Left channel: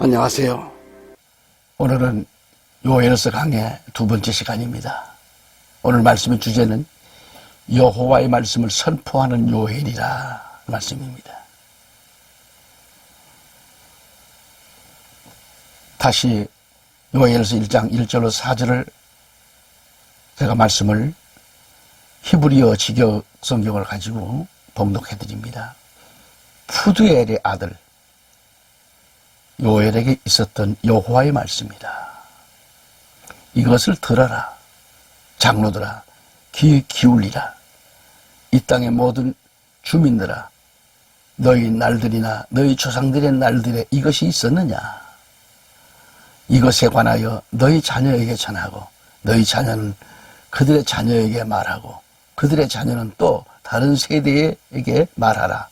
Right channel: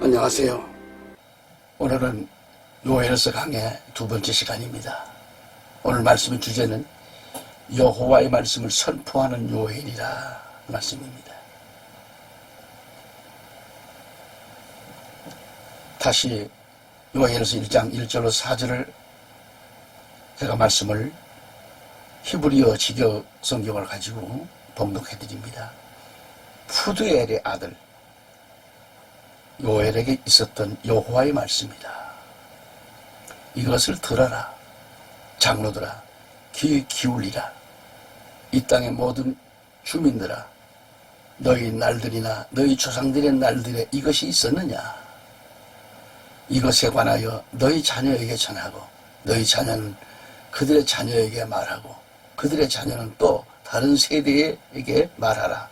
안녕하세요. 오늘은 요엘서 강의 두 번째 시간입니다. 오늘 말씀의 주제는 여호와의 말씀을 선포하는 요엘이라 말씀입니다. 다시 요엘서 1장 1절로 4절을 제가 말씀을 히브리어 직역 성경을 가지고 봉독해 드립니다. 푸드엘의 아들 요엘에게 있었던 여호와의 말씀이다. 이것을 들어라. 장로들아, 귀 기울이라. 이 땅의 모든 주민들아, 너희 날들이나 너희 조상들의 날들에 이것이 있었느냐? 이것에 관하여 너희 자녀에게 전하고 너희 자녀는 그들의 자녀에게 말하고 그들의 자녀는 또 다른 세대에게 말하라.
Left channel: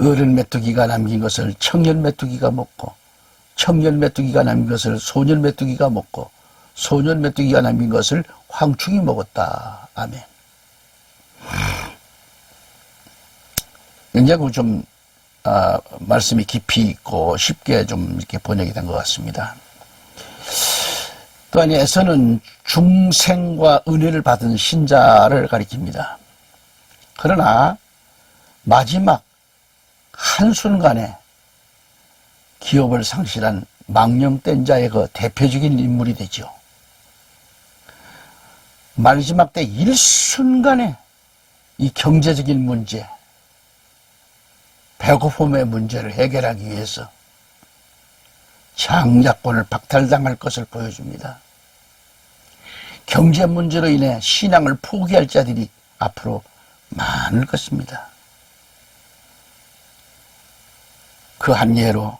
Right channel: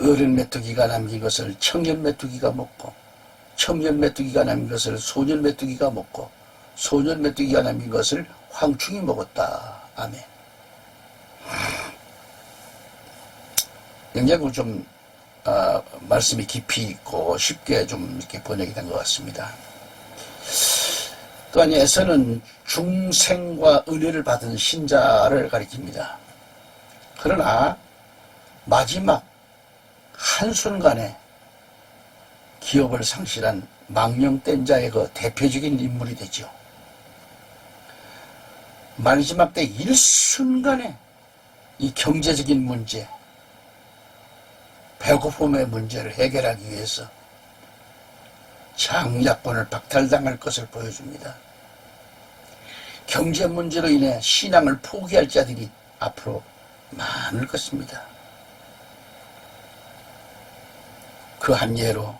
어른 메뚜기가 남긴 것을 청년 메뚜기가 먹고 청년 메뚜기가 남긴 것을 소년 메뚜기가 먹고 소년 메뚜기가 남긴 것을 황충이 먹었다. 아멘. 굉장히 좀 말씀이 깊이 있고 쉽게 좀 이렇게 번역이 된 것 같습니다. 또한 에서는 중생과 은혜를 받은 신자를 가리킵니다. 그러나 마지막 한순간에 기업을 상실한 망령된 자의 그 대표적인 인물이 되죠. 마지막 때 일순간에 이 경제적인 문제, 배고픔의 문제를 해결하기 위해서 장자권을 박탈당할 것을 보여줍니다. 경제 문제로 인해 신앙을 포기할 자들이 앞으로 많을 것입니다. 그 한 예로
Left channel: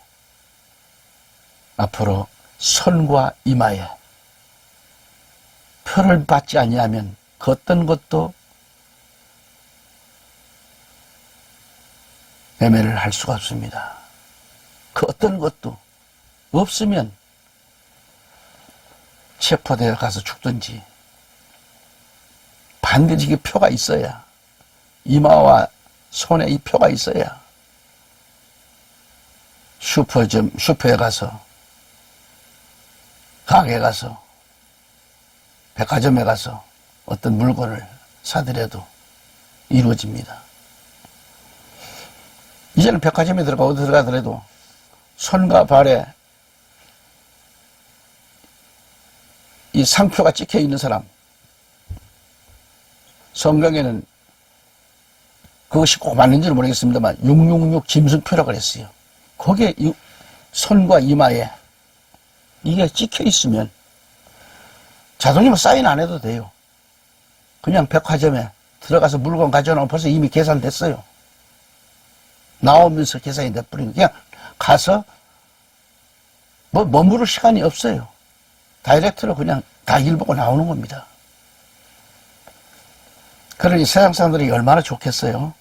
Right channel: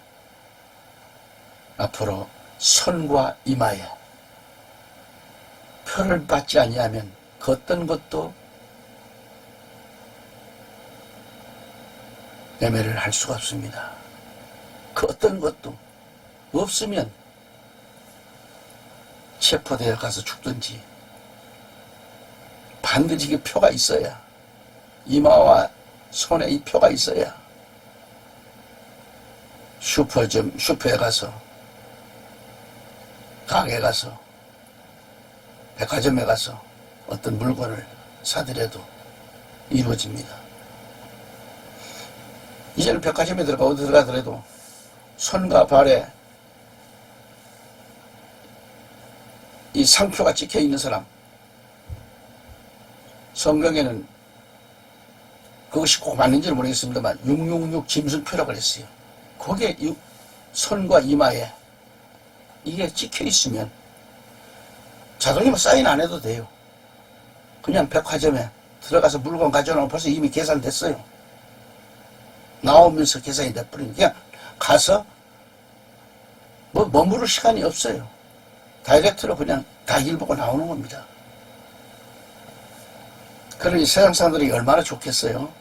앞으로 선과 이마에 표를 받지 아니하면 그 어떤 것도 매매를 할 수가 없습니다. 그 어떤 것도 없으면 체포되어 가서 죽든지 반드시 그 표가 있어야, 이마와 손에 이 표가 있어야 슈퍼에 가서, 가게에 가서, 백화점에 가서 어떤 물건을 사더라도 이루어집니다. 이제는 백화점에 들어가더라도 손과 발에 이 상표가 찍혀 있는 사람, 성경에는 그것이 꼭 맞는지는 모르겠습니다만 666 짐승표라고 그랬어요. 거기에 손과 이마에 이게 찍혀 있으면 자동이면 사인 안 해도 돼요. 그냥 백화점에 들어가서 물건 가져오면 벌써 이미 계산됐어요. 나오면서 계산이 돼버리는, 그냥 가서 뭐 머무를 시간이 없어요. 다이렉트로 그냥 다 일 보고 나오는 겁니다. 그러니 세상 사람들이 얼마나 좋겠어요.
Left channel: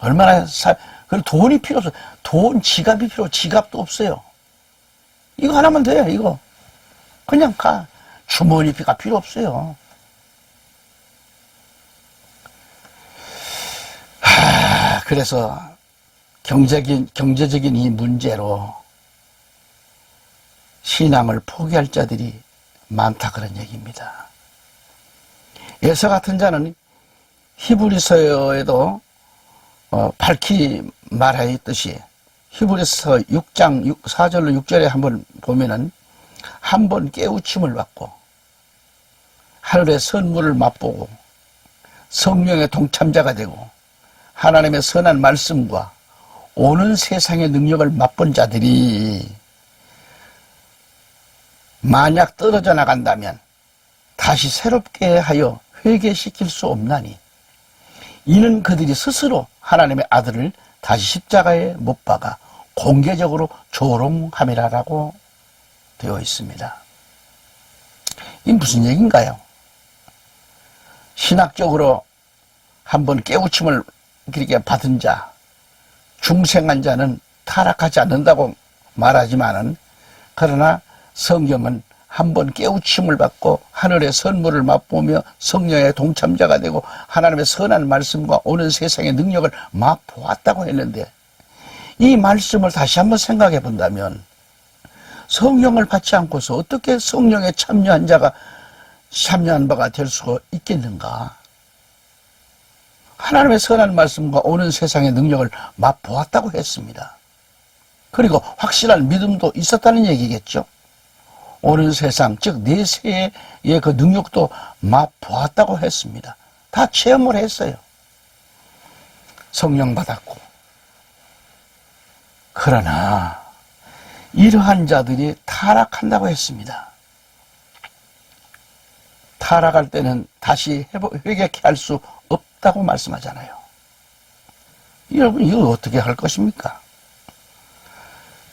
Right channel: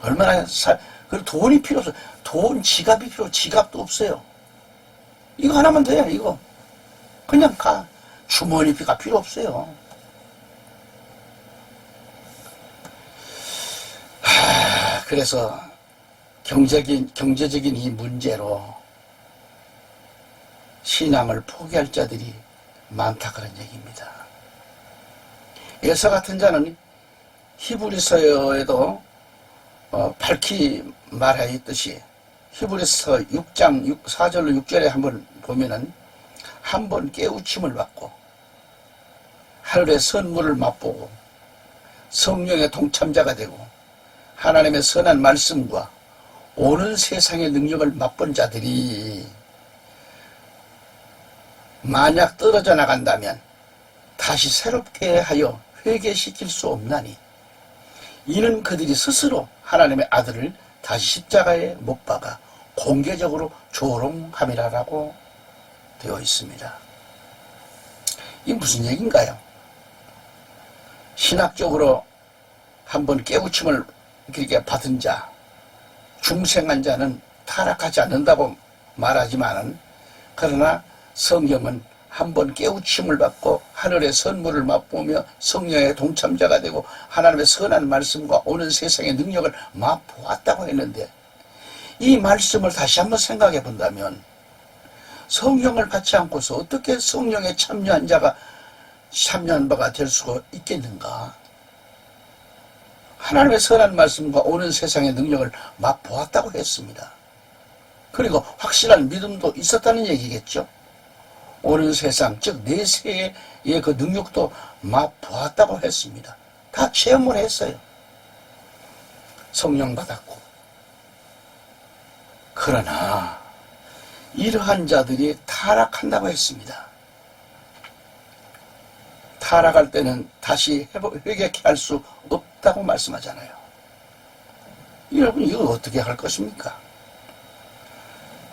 얼마나 그리고 돈이 필요 없어요. 돈, 지갑이 필요, 지갑도 없어요. 이거 하나면 돼요, 이거. 그냥 가. 주머니피가 필요 없어요. 그래서 경제적인 이 문제로 신앙을 포기할 자들이 많다, 그런 얘기입니다. 에서 같은 자는 히브리서에도 밝히 말하였듯이 히브리서 6장 4절로 6절에 한번 보면은 한 번 깨우침을 받고 하늘의 선물을 맛보고 성령의 동참자가 되고 하나님의 선한 말씀과 오는 세상의 능력을 맛본 자들이 만약 떨어져 나간다면 다시 새롭게 하여 회개시킬 수 없나니 이는 그들이 스스로 하나님의 아들을 다시 십자가에 못 박아 공개적으로 조롱함이라고 되어 있습니다. 이 무슨 얘기인가요? 신학적으로 한번 깨우침을 그렇게 받은 자, 중생한 자는 타락하지 않는다고 말하지만은, 그러나 성경은 한번 깨우침을 받고 하늘의 선물을 맛보며 성령의 동참자가 되고 하나님의 선한 말씀과 오는 세상의 능력을 맛보았다고 했는데, 이 말씀을 다시 한번 생각해 본다면 성령을 받지 않고서 어떻게 성령에 참여한 자가 참여한 바가 될 수가 있겠는가? 하나님의 선한 말씀과 오는 세상의 능력을 맛보았다고 했습니다. 그리고 확실한 믿음도 있었다는 얘기겠죠. 오는 세상, 즉 내세의 그 능력도 맛보았다고 했습니다. 다 체험을 했어요. 성령 받았고. 그러나 이러한 자들이 타락한다고 했습니다. 타락할 때는 다시 회개케 할 수 없다고 말씀하잖아요. 여러분 이거 어떻게 할 것입니까?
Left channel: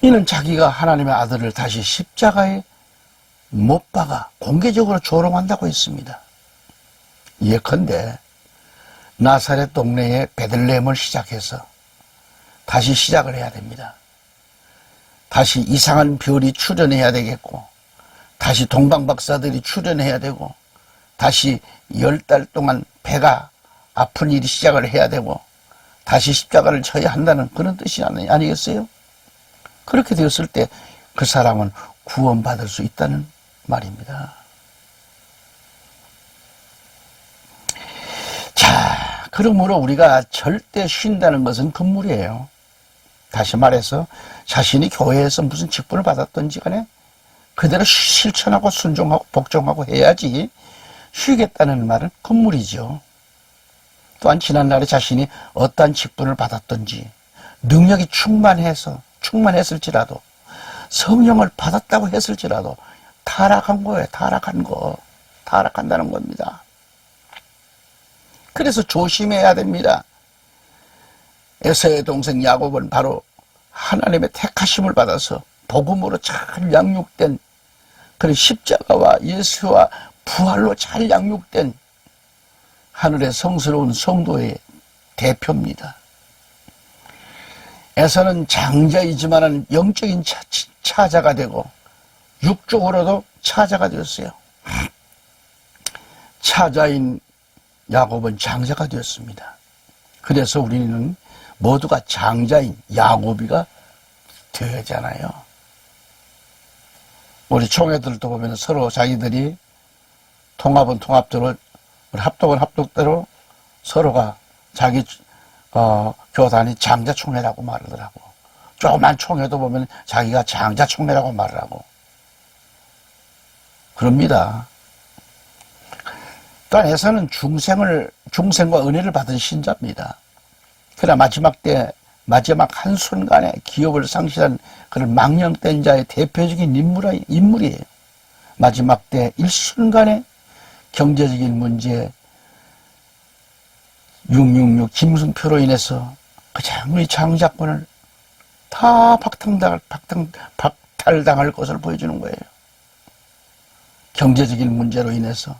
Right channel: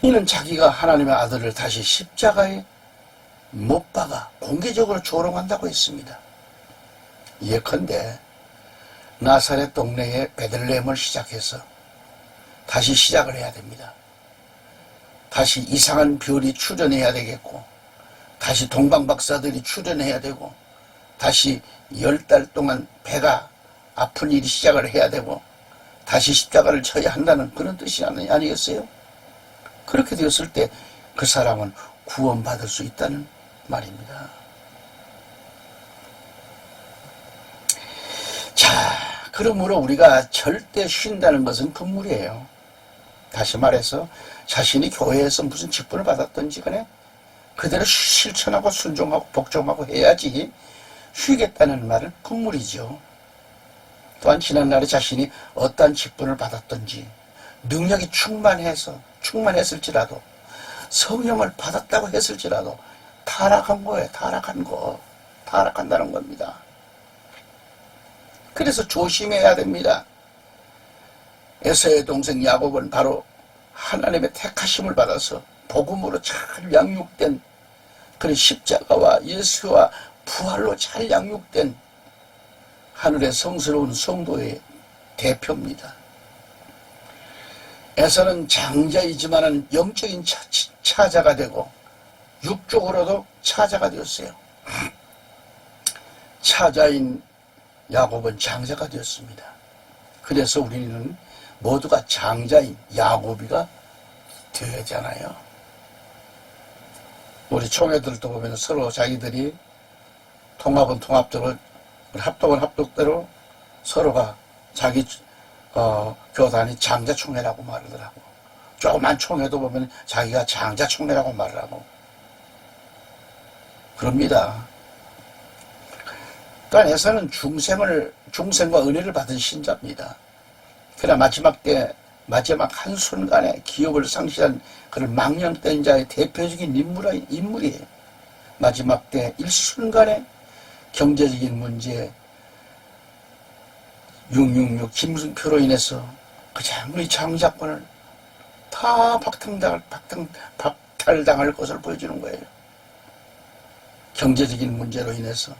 이는 자기가 하나님의 아들을 다시 십자가에 못 박아 공개적으로 조롱한다고 했습니다. 예컨대 나사렛 동네에 베들레헴을 시작해서 다시 시작을 해야 됩니다. 다시 이상한 별이 출현해야 되겠고, 다시 동방박사들이 출현해야 되고, 다시 10달 동안 배가 아픈 일이 시작을 해야 되고, 다시 십자가를 쳐야 한다는 그런 뜻이 아니겠어요? 그렇게 되었을 때 그 사람은 구원받을 수 있다는 말입니다. 자, 그러므로 우리가 절대 쉰다는 것은 금물이에요. 다시 말해서 자신이 교회에서 무슨 직분을 받았던지 간에 그대로 실천하고 순종하고 복종하고 해야지 쉬겠다는 말은 금물이죠. 또한 지난날에 자신이 어떠한 직분을 받았던지 능력이 충만했을지라도 성령을 받았다고 했을지라도 타락한 거예요. 타락한다는 겁니다. 그래서 조심해야 됩니다. 에서의 동생 야곱은 바로 하나님의 택하심을 받아서 복음으로 잘 양육된 그런 십자가와 예수와 부활로 잘 양육된 하늘의 성스러운 성도의 대표입니다. 에서는 장자이지만은 영적인 차자가 되고 육적으로도 차자가 되었어요. 차자인 야곱은 장자가 되었습니다. 그래서 우리는 모두가 장자인 야곱이가 되잖아요. 우리 총회들도 보면 서로 자기들이 통합은 통합대로, 합독은 합독대로 서로가 자기 교단이 장자총회라고 말하더라고. 조그만 총회도 보면 자기가 장자총회라고 말을 하고 그럽니다. 또한 에서는 중생과 은혜를 받은 신자입니다. 그러나 마지막 한순간에 기업을 상실한 그런 망령된 자의 대표적인 인물이에요. 마지막 때 일순간에 경제적인 문제, 666 짐승표로 인해서 그 장의 장자권을 다 박탈당할 것을 보여주는 거예요. 경제적인 문제로 인해서.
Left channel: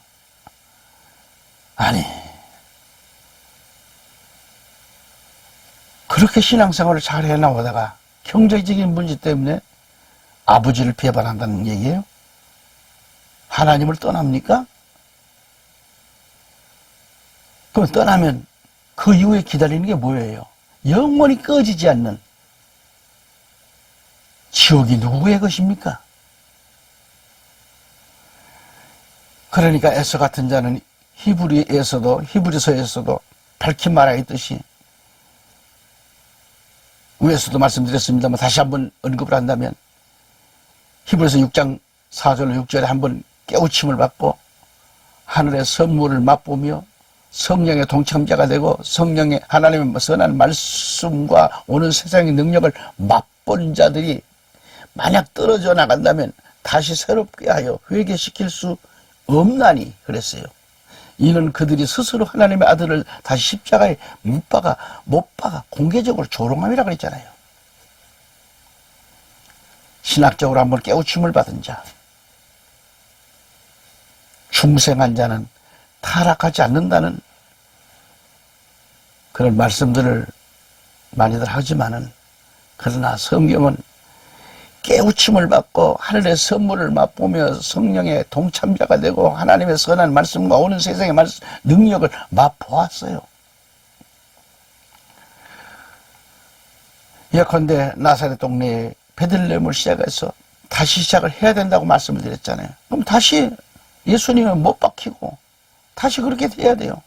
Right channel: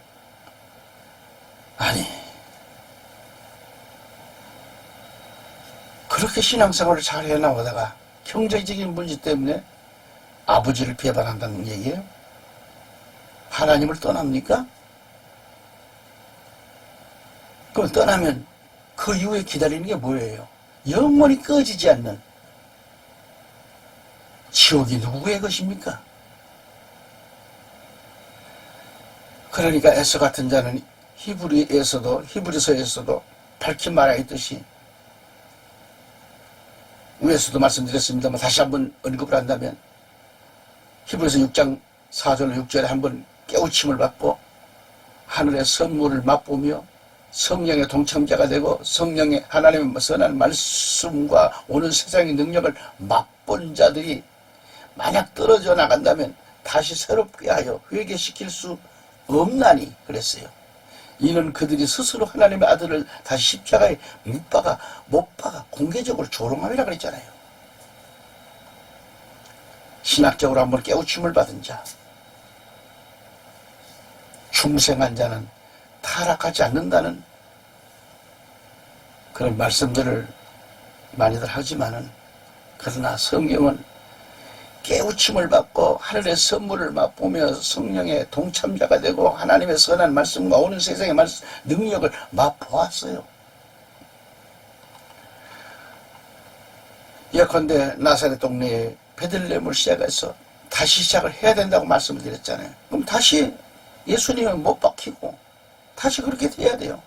아니, 그렇게 신앙생활을 잘 해나가다가 경제적인 문제 때문에 아버지를 배반한다는 얘기예요? 하나님을 떠납니까? 그럼 떠나면 그 이후에 기다리는 게 뭐예요? 영원히 꺼지지 않는 지옥이 누구의 것입니까? 그러니까 에서 같은 자는 히브리서에서도 밝히 말하였듯이 위에서도 말씀드렸습니다만 다시 한번 언급을 한다면 히브리서 6장 4절로 6절에 한번 깨우침을 받고 하늘의 선물을 맛보며 성령의 동참자가 되고 성령의 하나님의 선한 말씀과 오는 세상의 능력을 맛본 자들이 만약 떨어져 나간다면 다시 새롭게 하여 회개시킬 수 없나니 그랬어요. 이는 그들이 스스로 하나님의 아들을 다시 십자가에 못 박아 공개적으로 조롱함이라 그랬잖아요. 신학적으로 한번 깨우침을 받은 자, 중생한 자는 타락하지 않는다는 그런 말씀들을 많이들 하지만은 그러나 성경은 깨우침을 받고 하늘의 선물을 맛보며 성령의 동참자가 되고 하나님의 선한 말씀과 오는 세상의 능력을 맛보았어요. 예컨대 나사렛 동네에 베들레헴을 시작해서 다시 시작을 해야 된다고 말씀을 드렸잖아요. 그럼 다시 예수님은 못 박히고 다시 그렇게 돼야 돼요.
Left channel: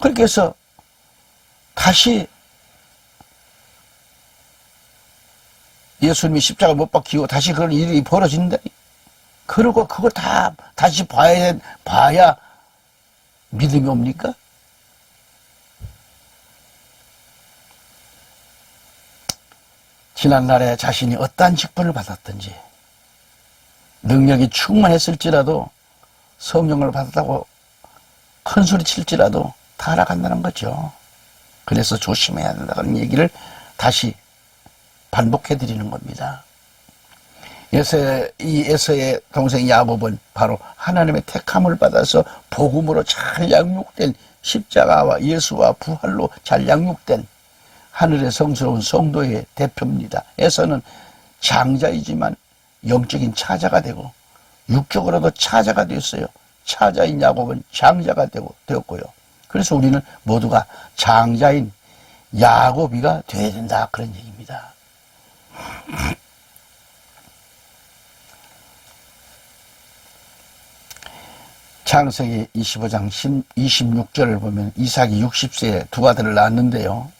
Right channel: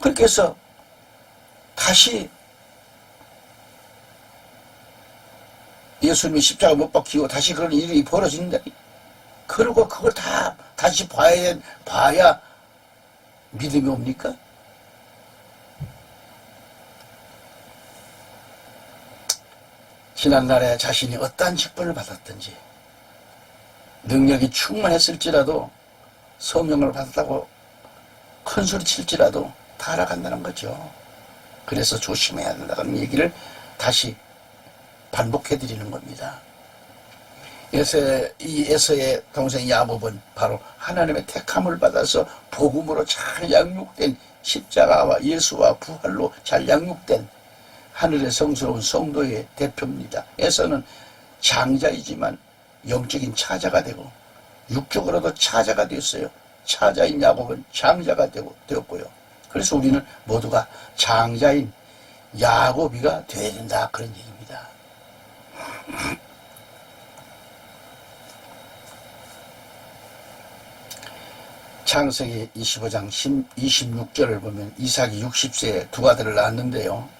그렇게 해서 다시 예수님이 십자가 못 박히고 다시 그런 일이 벌어진다. 그리고 그걸 다 다시 봐야 믿음이 옵니까? 지난날에 자신이 어떠한 직분을 받았든지 능력이 충만했을지라도 성령을 받았다고 큰소리 칠지라도 다 알아간다는 거죠. 그래서 조심해야 된다는 얘기를 다시 반복해 드리는 겁니다. 이 에서의 동생 야곱은 바로 하나님의 택함을 받아서 복음으로 잘 양육된 십자가와 예수와 부활로 잘 양육된 하늘의 성스러운 성도의 대표입니다. 에서는 장자이지만 영적인 차자가 되고 육적으로도 차자가 되었어요. 차자인 야곱은 장자가 되었고요. 그래서 우리는 모두가 장자인 야곱이가 되어야 된다, 그런 얘기입니다. 창세기 25장 26절을 보면 이삭이 60세에 두 아들을 낳았는데요.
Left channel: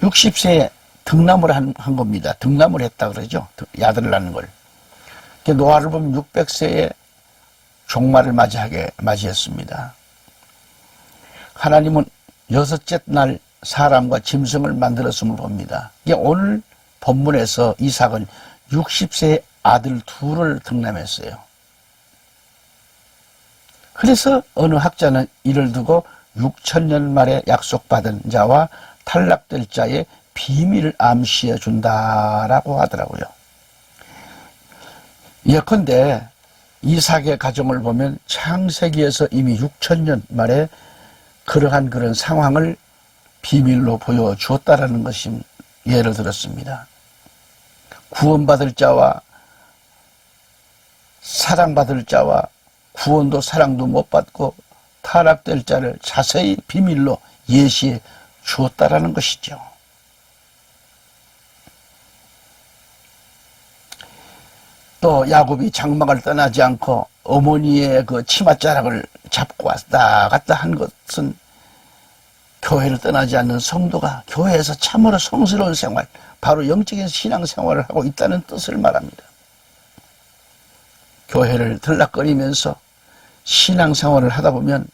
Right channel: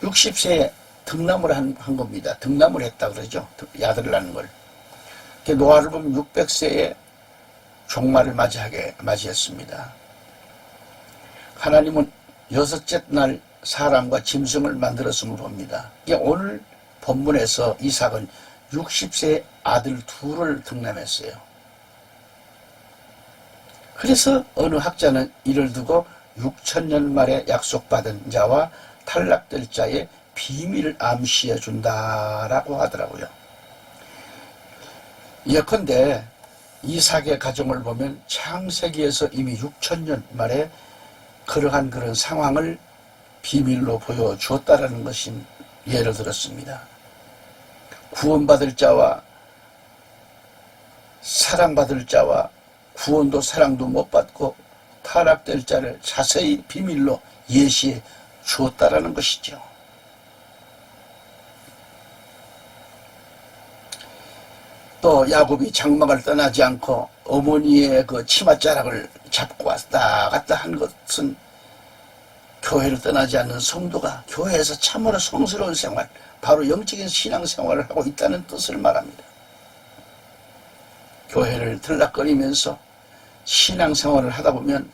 60세에 등남을 한 겁니다. 등남을 했다 그러죠. 아들을 낳는 걸. 노아를 보면 600세에 종말을 맞이했습니다. 하나님은 여섯째 날 사람과 짐승을 만들었음을 봅니다. 오늘 본문에서 이삭은 60세의 아들 둘을 등남했어요. 그래서 어느 학자는 이를 두고 6천년 만에 약속받은 자와 탈락될 자의 비밀을 암시해 준다라고 하더라고요. 예컨대 이삭의 가정을 보면 창세기에서 이미 6천년 만에 그러한 그런 상황을 비밀로 보여주었다라는 것이 예를 들었습니다. 구원받을 자와 사랑받을 자와 구원도 사랑도 못 받고 타락될 자를 자세히 비밀로 예시해 주었다라는 것이죠. 또 야곱이 장막을 떠나지 않고 어머니의 그 치맛자락을 잡고 왔다 갔다 한 것은 교회를 떠나지 않는 성도가 교회에서 참으로 성스러운 생활, 바로 영적인 신앙생활을 하고 있다는 뜻을 말합니다. 교회를 들락거리면서 신앙생활을 하다 보면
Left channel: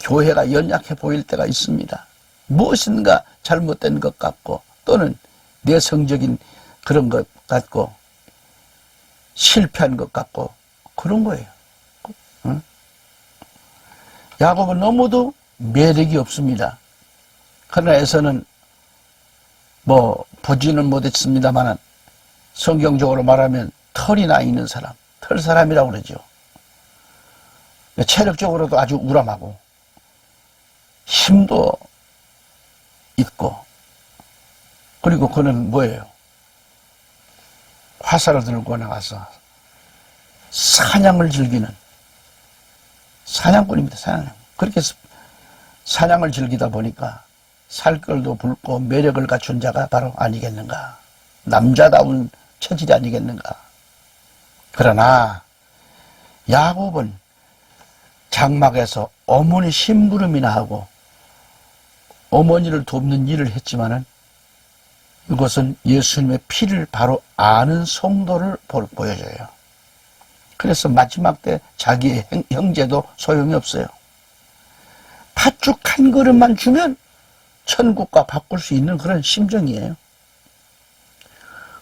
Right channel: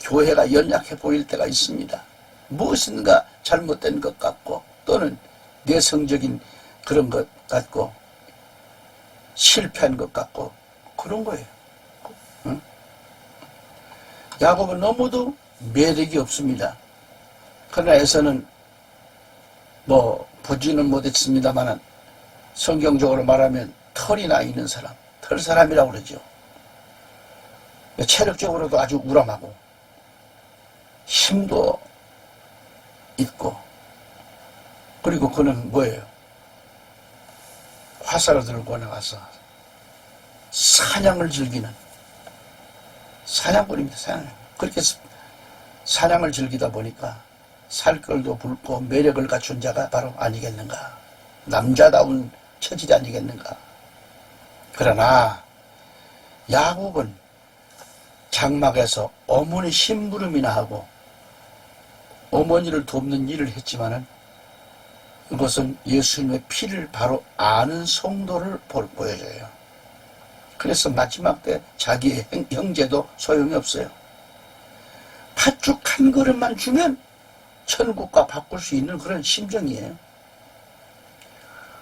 교회가 연약해 보일 때가 있습니다. 무엇인가 잘못된 것 같고 또는 내성적인 그런 것 같고 실패한 것 같고 그런 거예요. 응? 야곱은 너무도 매력이 없습니다. 그러나 에서는 보지는 못했습니다만 성경적으로 말하면 털이 나 있는 사람, 털 사람이라고 그러죠. 체력적으로도 아주 우람하고 힘도 있고, 그리고 그는 뭐예요? 화살을 들고 나가서 사냥을 즐기는 사냥꾼입니다. 사냥. 그렇게 사냥을 즐기다 보니까 살결도 붉고 매력을 갖춘 자가 바로 아니겠는가. 남자다운 체질이 아니겠는가. 그러나 야곱은 장막에서 어머니 심부름이나 하고 어머니를 돕는 일을 했지만은 이것은 예수님의 피를 바로 아는 성도를 보여줘요. 그래서 마지막 때 자기의 형제도 소용이 없어요. 팥죽 한 그릇만 주면 천국과 바꿀 수 있는 그런 심정이에요.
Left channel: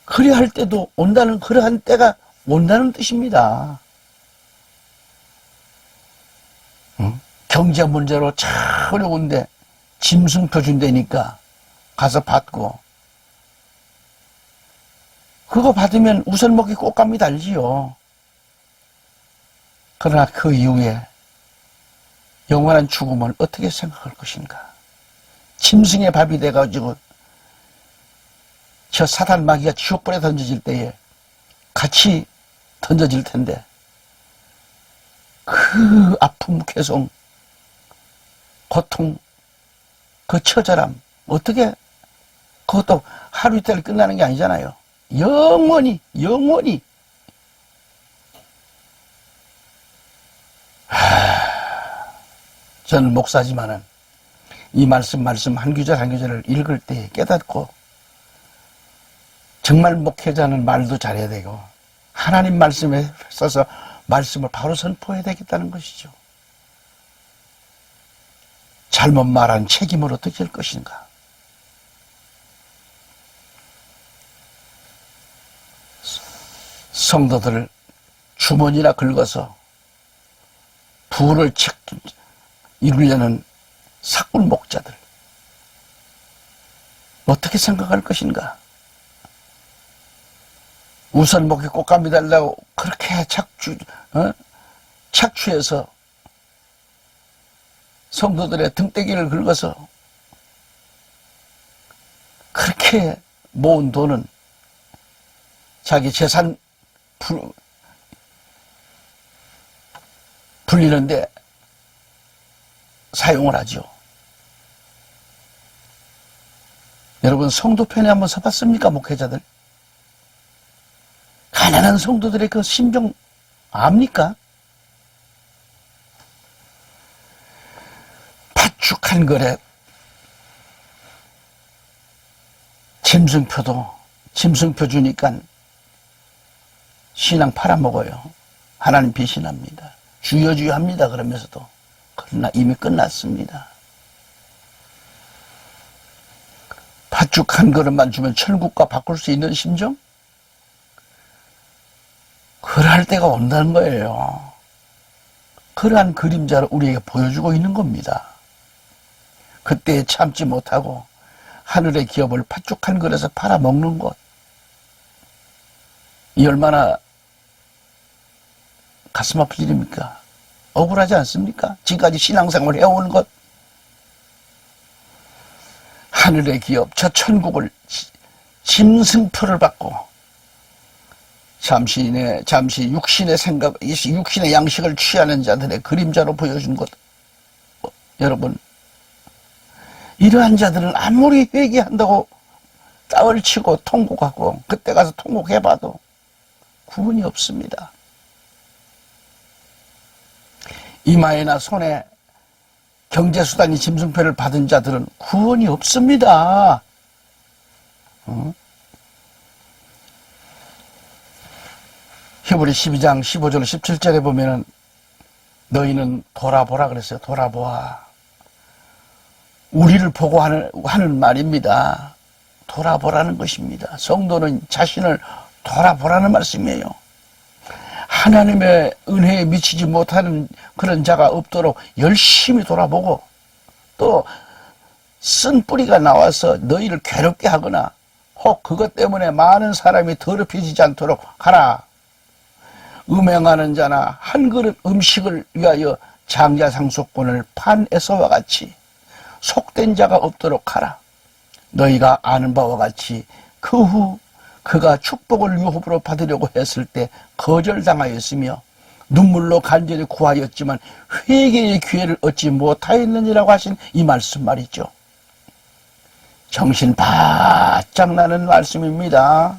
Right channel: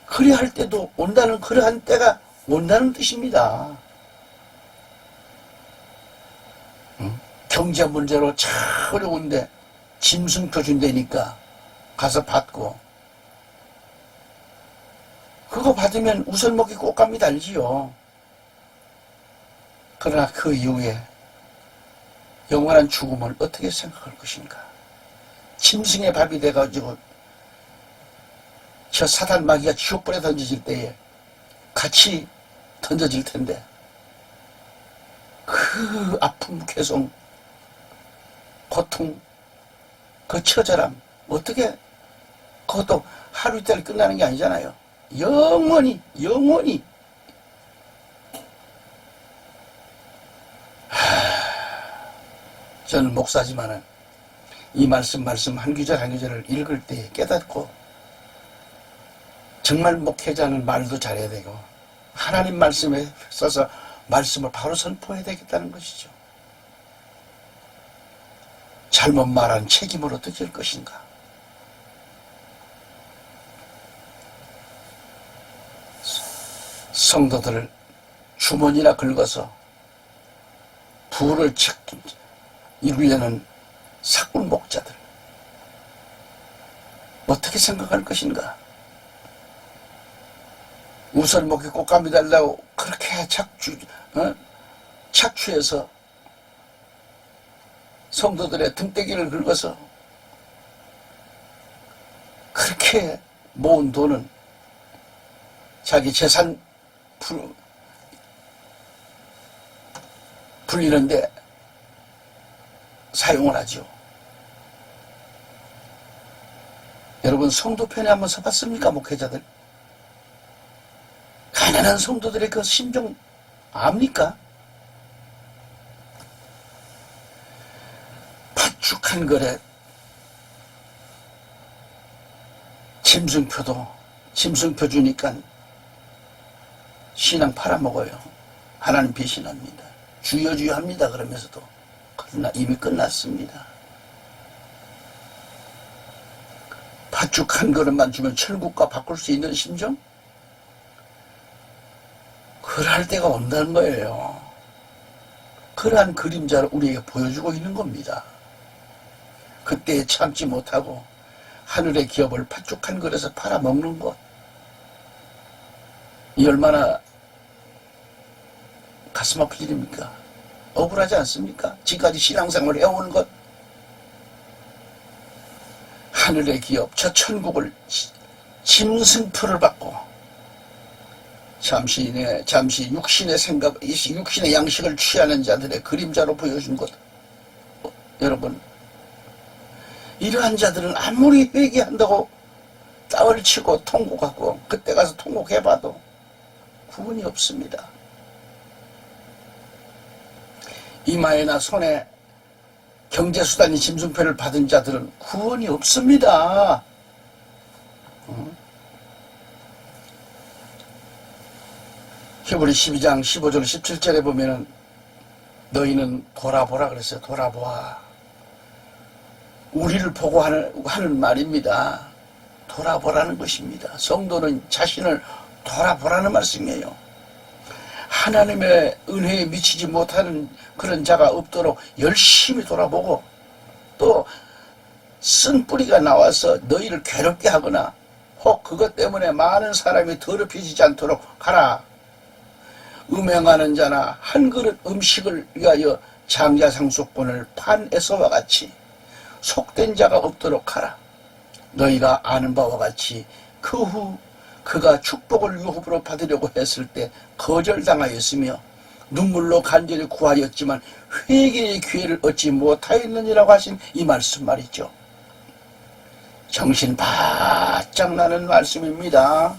그래야 할 때도 온다는 그러한 때가 온다는 뜻입니다. 경제 문제로 참 어려운데 짐승표 준다니까 가서 받고, 그거 받으면 우선 먹기 꽃감이 달지요. 그러나 그 이후에 영원한 죽음을 어떻게 생각할 것인가. 짐승의 밥이 돼가지고 저 사단 마귀가 지옥불에 던져질 때에 같이 던져질 텐데 그 아픔, 괴성, 고통, 그 처절함 어떻게 그것도 하루 이틀 끝나는 게 아니잖아요. 영원히, 영원히. 저는 목사지만은 이 말씀 한 구절 한 구절을 읽을 때 깨닫고 정말 목회자는 말도 잘해야 되고 하나님 말씀에 써서 말씀을 바로 선포해야 되겠다는 것이죠. 잘못 말한 책임을 어떻게 할 것인가. 성도들을 주머니나 긁어서 부를 이루려는 사꾼 목자들 어떻게 생각할 것인가. 우선 목에 꽃감이 달라고 그렇게 착취해서 성도들의 등대기를 긁어서 그렇게 모은 돈은 자기 재산 불리는데 사용을 하죠. 여러분 성도 편에 한번 서봤습니까? 목회자들 가난한 성도들의 그 심정 압니까? 팥죽한 거래 짐승표 주니까 신랑 팔아먹어요. 하나님 배신합니다. 주여 합니다. 그러면서도 그러나 이미 끝났습니다. 팥죽 한 그릇만 주면 천국과 바꿀 수 있는 심정? 그럴 때가 온다는 거예요. 그러한 그림자를 우리에게 보여주고 있는 겁니다. 그때 참지 못하고 하늘의 기업을 팥죽 한 그릇에 팔아먹는 것, 이 얼마나 가슴 아플 일입니까? 억울하지 않습니까? 지금까지 신앙생활을 해온 것, 하늘의 기업, 저 천국을 짐승표를 받고 잠시 육신의 생각, 육신의 양식을 취하는 자들의 그림자로 보여준 것. 여러분, 이러한 자들은 아무리 회개한다고 땅을 치고 통곡하고 그때 가서 통곡해봐도 구원이 없습니다. 이마에나 손에 경제수단이 짐승표를 받은 자들은 구원이 없습니다. 히브리 12장 15절 17절에 보면은 너희는 돌아보라 그랬어요. 돌아보아. 우리를 보고 하는 말입니다. 돌아보라는 것입니다. 성도는 자신을 돌아보라는 말씀이에요. 하나님의 은혜에 미치지 못하는 그런 자가 없도록 열심히 돌아보고 또 쓴 뿌리가 나와서 너희를 괴롭게 하거나 혹 그것 때문에 많은 사람이 더럽혀지지 않도록 하라. 음행하는 자나 한 그릇 음식을 위하여 장자 상속권을 판 에서와 같이 속된 자가 없도록 하라. 너희가 아는 바와 같이 그 후 그가 축복을 유업으로 받으려고 했을 때 거절당하였으며 눈물로 간절히 구하였지만 회개의 기회를 얻지 못하였느니라고 하신 이 말씀 말이죠. 정신 바짝 나는 말씀입니다.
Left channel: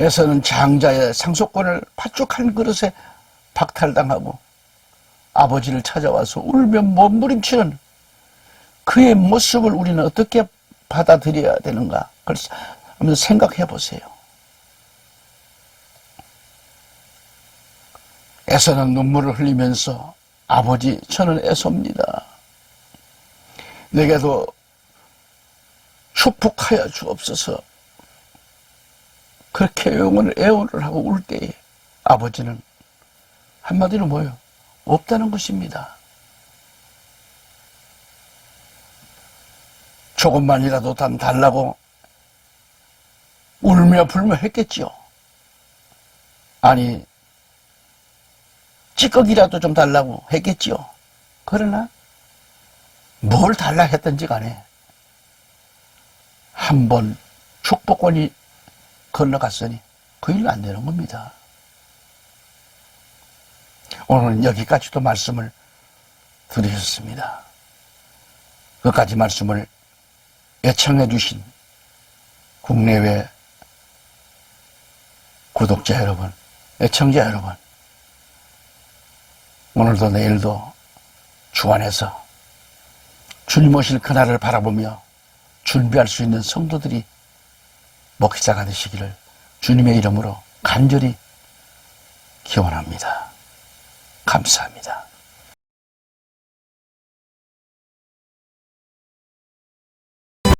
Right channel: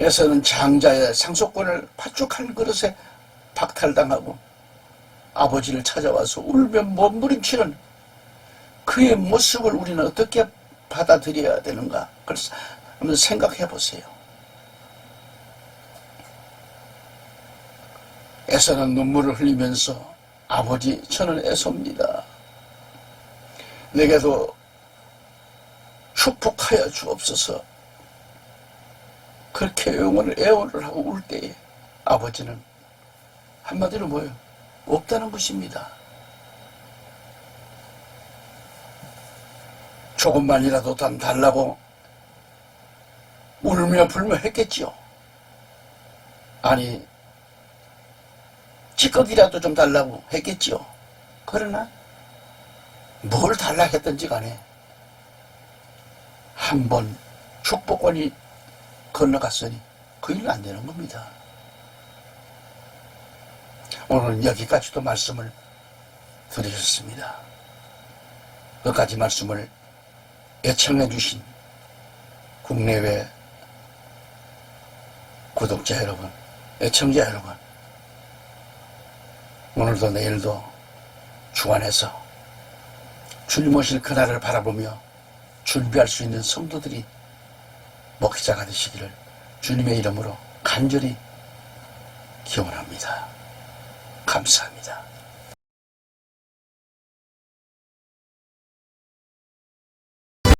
에서는 장자의 상속권을 팥죽 한 그릇에 박탈당하고 아버지를 찾아와서 울며 몸부림치는 그의 모습을 우리는 어떻게 받아들여야 되는가? 그걸 한번 생각해 보세요. 에서는 눈물을 흘리면서 아버지 저는 에서입니다. 내게도 축복하여 주옵소서. 그렇게 애원을 하고 울 때에 아버지는 한마디로 뭐예요? 없다는 것입니다. 조금만이라도 달라고 울며 불며 했겠지요. 아니 찌꺼기라도 좀 달라고 했겠지요. 그러나 뭘 달라 했든지 간에 한 번 축복권이 건너갔으니 그 일은 안 되는 겁니다. 오늘은 여기까지도 말씀을 드리셨습니다. 끝까지 말씀을 애청해 주신 국내외 구독자 여러분, 애청자 여러분, 오늘도 내일도 주 안에서 줄 모실 그날을 바라보며 준비할 수 있는 성도들이 목회자가 되시기를 주님의 이름으로 간절히 기원합니다. 감사합니다.